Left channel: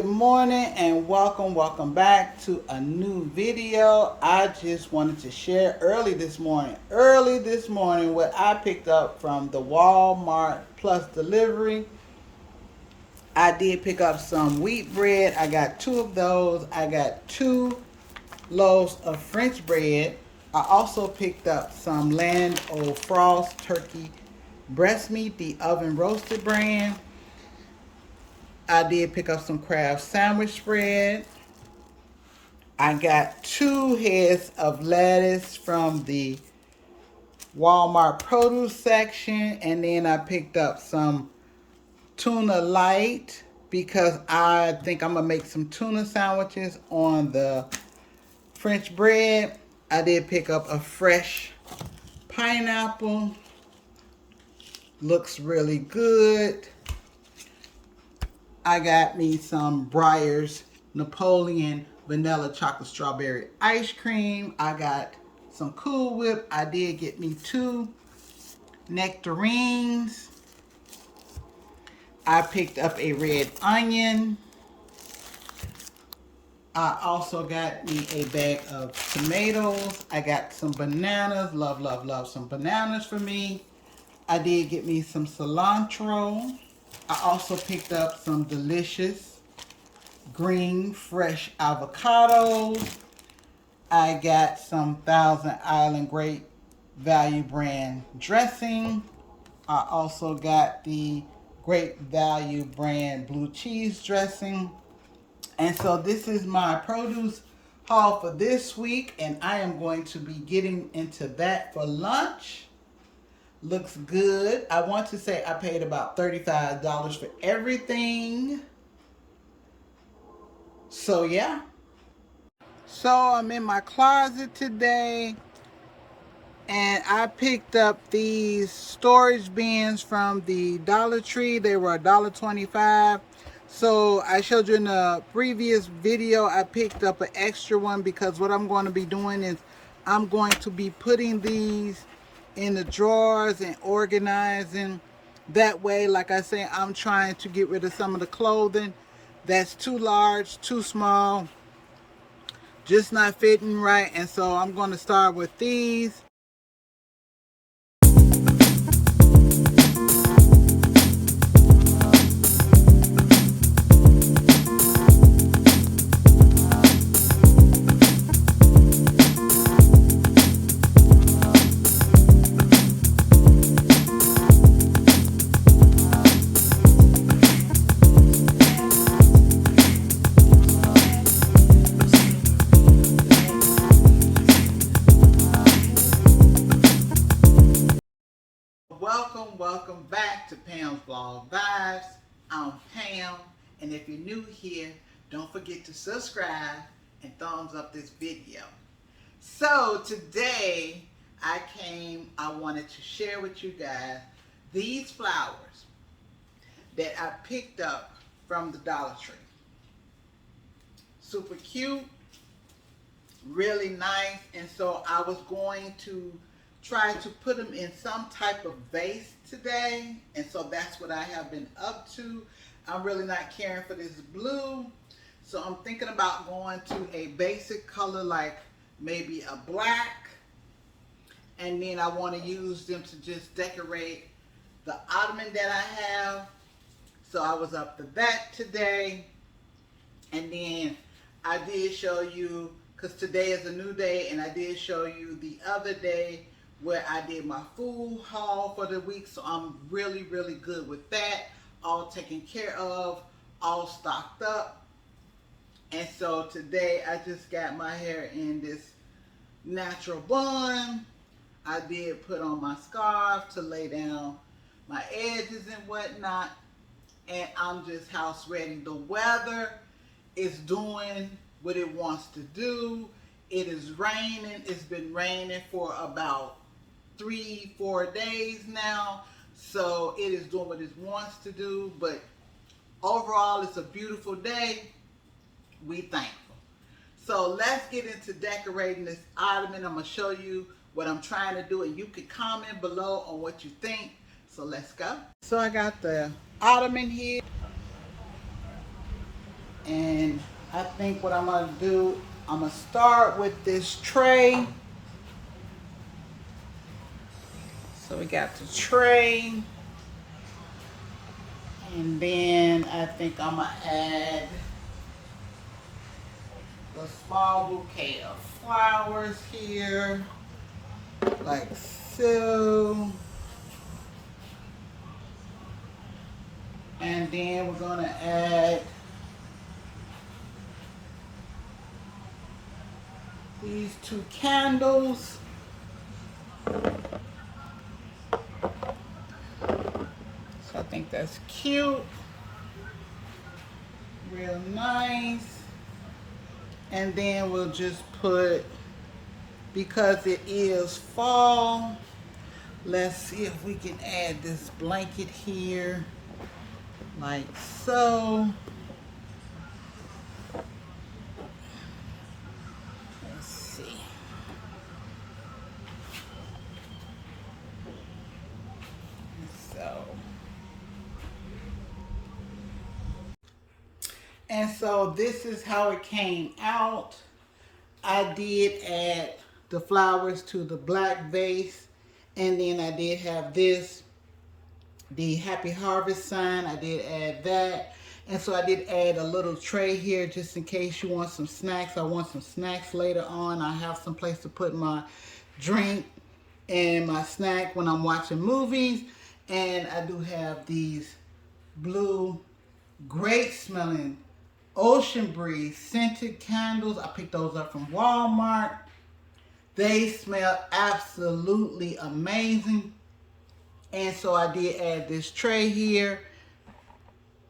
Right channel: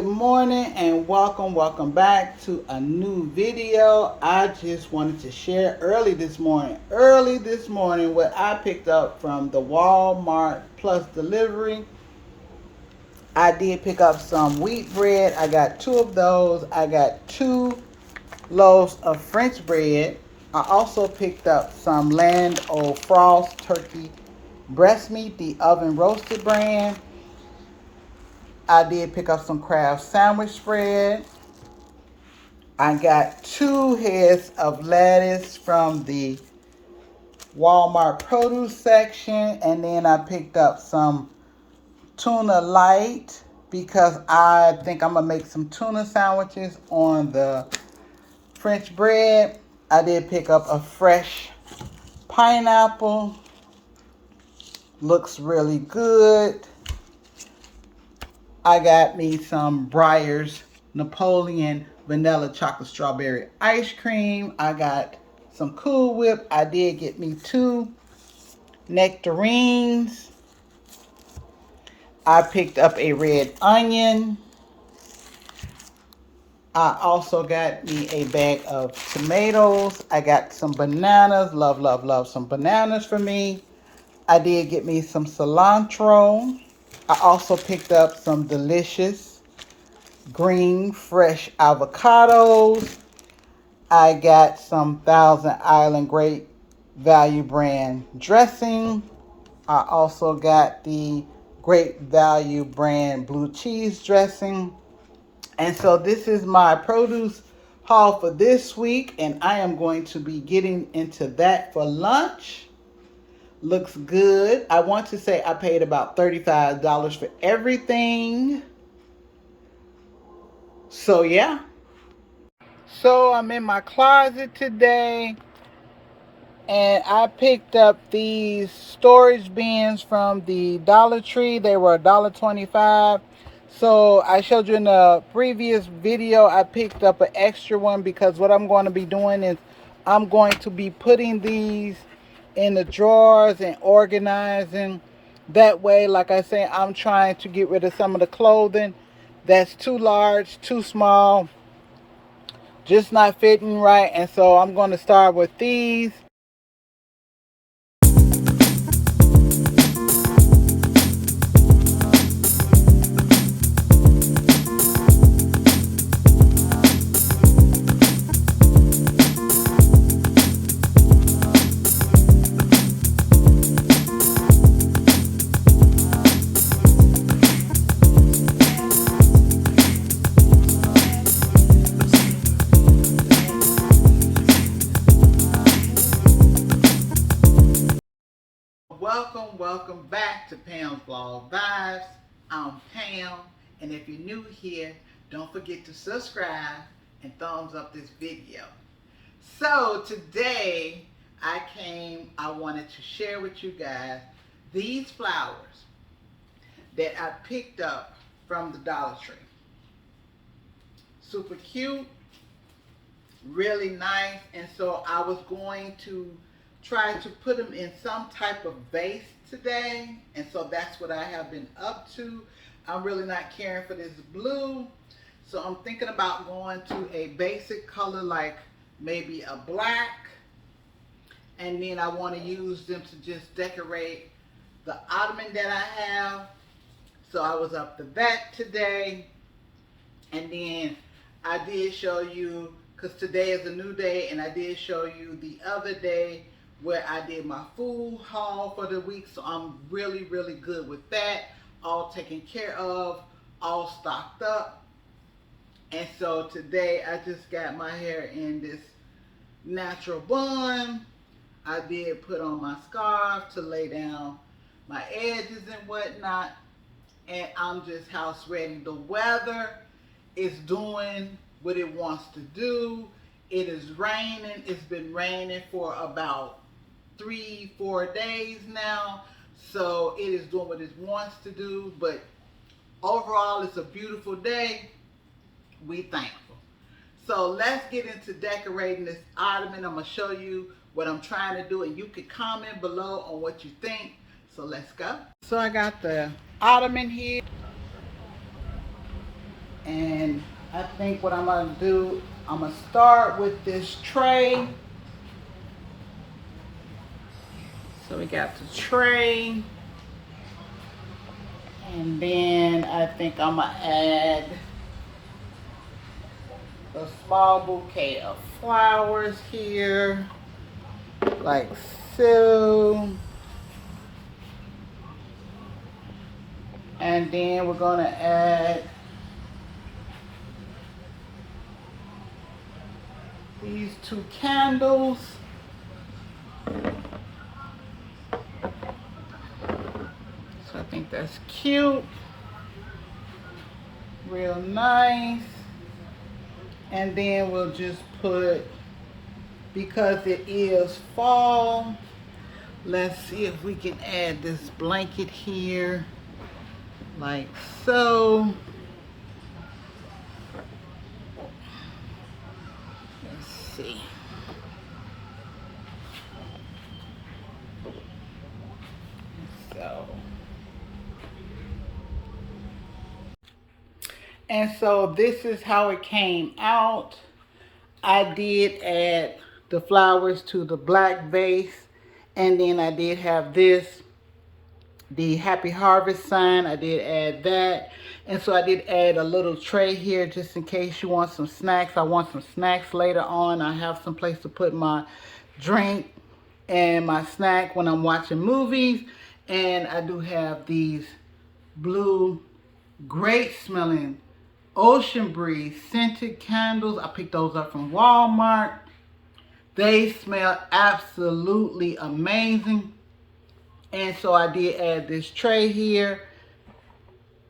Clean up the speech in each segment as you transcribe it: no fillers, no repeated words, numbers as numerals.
Good morning and welcome back to a new video. I just wanted to share early this morning what I picked up from the Walmart Plus delivery. I did pick up some wheat bread. I got two of those. I got 2 loaves of French bread. I also picked up some Land O'Frost turkey breast meat, the oven roasted brand. I did pick up some Kraft sandwich spread. I got 2 heads of lettuce from the Walmart produce section. And then I picked up some tuna light because I think I'm going to make some tuna sandwiches on the French bread. I did pick up a fresh pineapple. Looks really good. I got me some Breyers Napoleon vanilla chocolate strawberry ice cream. I got some Cool Whip. I did get me 2 nectarines. I picked up a red onion. I also got me a bag of tomatoes. I got some bananas. Love some bananas for me. I did get me some cilantro. I also picked up some delicious green fresh avocados. I got some Thousand Island Great Value brand dressing. I also got the Great Value brand blue cheese dressing. And so this is my produce haul for this week, and I am going to be getting into that for lunch. Looks good. I want to say I paid about $35 for everything. So yeah. So I'm in my closet today and I picked up these storage bins from the Dollar Tree. They were $1.25. So I showed you in the previous video, I picked up an extra one because what I'm going to be doing is I'm going to be putting these in the drawers and organizing. That way, like I say, I'm trying to get rid of some of the clothing that's too large, too small, just not fitting right. And so I'm going to start with these. Welcome back to Pam's Vlog Vibes. I'm Pam, and if you're new here, don't forget to subscribe and thumbs up this video. So today I wanted to share with you guys these flowers that I picked up from the Dollar Tree. Super cute, really nice, and so I was going to try to put them in some type of vase today, and so that's what I have been up to. I'm really not caring for this blue, so I'm thinking about going to a basic color like maybe a black, and then I want to use them to just decorate the ottoman that I have. So I was up to that today, and then I did show you, because today is a new day, and I did show you the other day where I did my food haul for the week. So I'm really good with that. All taken care of, all stocked up. And so today I just got my hair in this natural bun. I did put on my scarf to lay down my edges and whatnot. And I'm just house ready. The weather is doing what it wants to do. It is raining. It's been raining for about 3-4 days now, so it is doing what it wants to do. But overall, it's a beautiful day. We thankful. So let's get into decorating this ottoman. I'm gonna show you what I'm trying to do, and you can comment below on what you think. So let's go. So I got the ottoman here, And I think what I'm gonna do, I'm gonna start with this tray. So we got the tray. And then I think I'm gonna add a small bouquet of flowers here, like so. And then we're gonna add these 2 candles. So I think that's cute, real nice. And then we'll just put, because it is fall, let's see if we can add this blanket here, like so. Let's see. So. And so this is how it came out. I did add the flowers to the black vase. And then I did have this, the Happy Harvest sign. I did add that. And so I did add a little tray here just in case you want some snacks. I want some snacks later on. I have some place to put my drink and my snack when I'm watching movies. And I do have these blue, great smelling Ocean Breeze scented candles. I picked those up from Walmart. They smell absolutely amazing. And so I did add this tray here,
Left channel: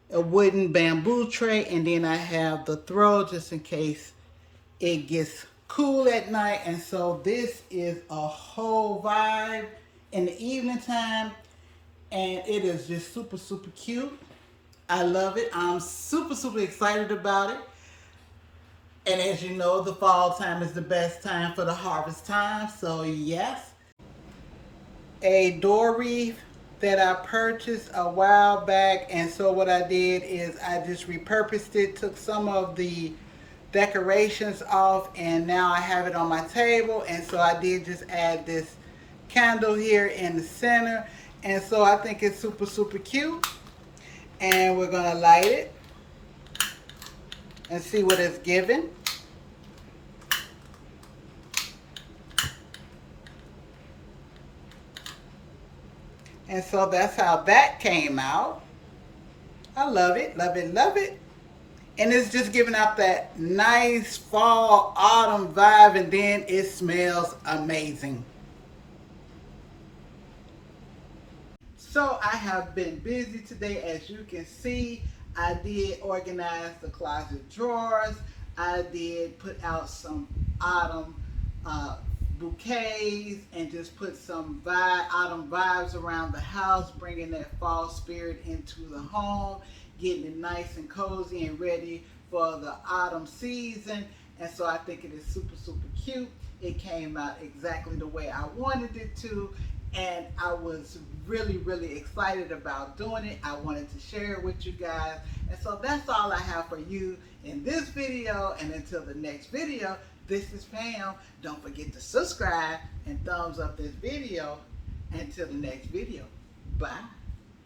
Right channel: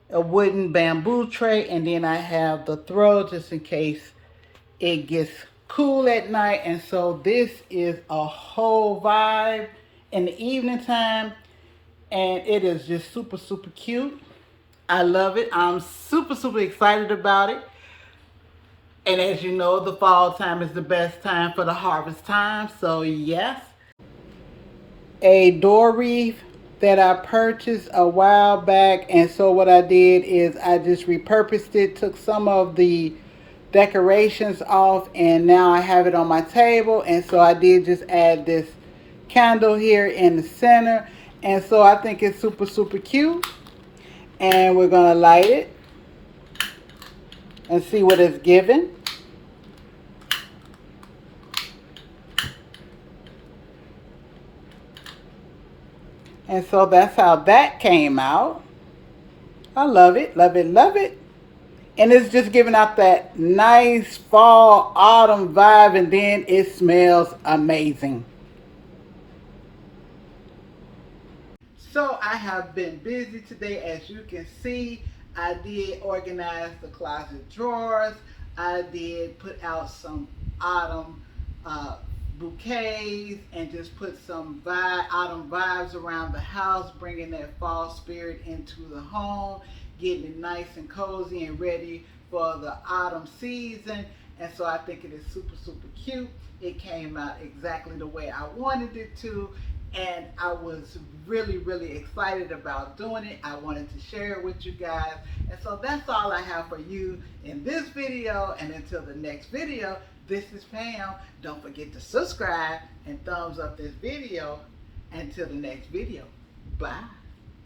a wooden bamboo tray, and then I have the throw just in case it gets cool at night. And so this is a whole vibe in the evening time, and it is just super, super cute. I love it. I'm super, super excited about it. And as you know, the fall time is the best time for the harvest time. So yes. A door wreath that I purchased a while back. And so what I did is I just repurposed it, took some of the decorations off, and now I have it on my table. And so I did just add this candle here in the center. And so I think it's super, super cute. And we're going to light it and see what it's given. And so that's how that came out. I love it, love it, love it. And it's just giving out that nice fall, autumn vibe, and then it smells amazing. So I have been busy today. As you can see, I did organize the closet drawers. I did put out some autumn bouquets and just put some autumn vibes around the house, bringing that fall spirit into the home, getting it nice and cozy and ready for the autumn season. And so I think it is super, super cute. It came out exactly the way I wanted it to. And I was really, really excited about doing it. I wanted to share it with you guys. And so that's all I have for you in this video. And until the next video, this is Pam. Don't forget to subscribe and thumbs up this video. Until the next video. Bye.